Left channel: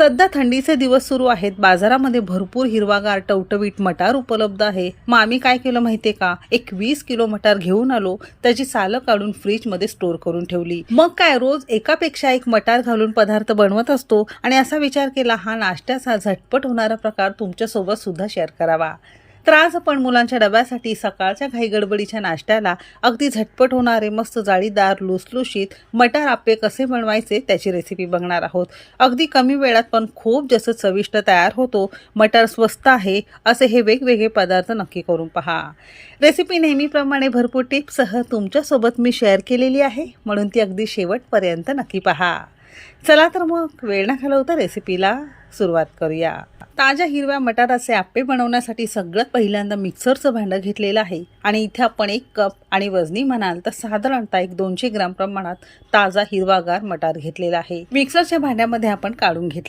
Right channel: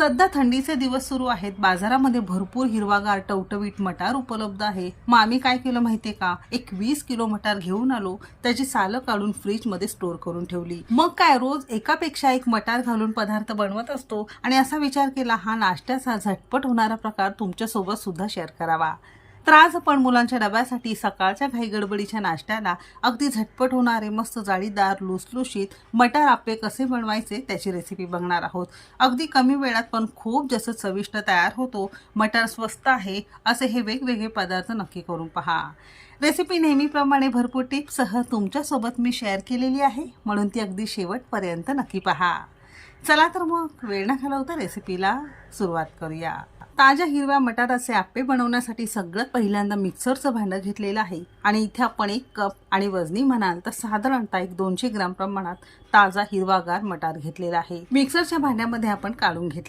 सध्या थंडीचे दिवस सुरू आहेत. बाजारामध्ये भरपूर हिरवागार टवटवीत मटार उपलब्ध आहे. मग आम्ही काय केलं माहितीये का, एक 20 किलो मटार घेऊन आलो. त्याची सालं काढून फ्रीज मध्ये स्टोर करून ठेवली. मग काय, रोज एकापेक्षा एक मटार घालून पदार्थ बनवत असतो आणि असा विचार केला हा नाश्त्याचा झटपट होणारा प्रकार तुमच्या सोबत सुद्धा शेअर करावा. तर आज आपण मुलांच्या डब्यासाठी सकाळच्या घाईगडबडीच्या नाश्त्याला अगदी झटपट होणारे मस्त जाळीदार लुसलुशीत मटार आप्पे कसे बनवायचे त्याची रेसिपी बघणार आहोत. अगदी कमी वेळात पण खूप जास्त चविष्ट तयार होतो. मटार स्वस्त आहे असे हे वेगवेगळे पदार्थ नक्की करून पहा. रेसिपी नेहमीप्रमाणे भरपूर टिप्ससह तुमच्यासोबत मी शेअर केलेली आहे, म्हणून ती अगदी शेवटपर्यंत नक्की पहा. चला तर मग वेळ न घालवता रेसिपीला सुरुवात करूया. ताज्या हिरव्या मटाराचे आप्पे बनवण्यासाठी सगळ्यात पहिल्यांदा मिक्सरचं भांडं घेतलेलं आहे आणि इथे आपण 1 कप आणि वजनी म्हणाल तर साधारणतः 200 ग्राम प्रमाणात ताजा हिरवागार मटार घेतलेला आहे. मिक्सरच्या भांड्यामध्ये आपण काढून घेतले.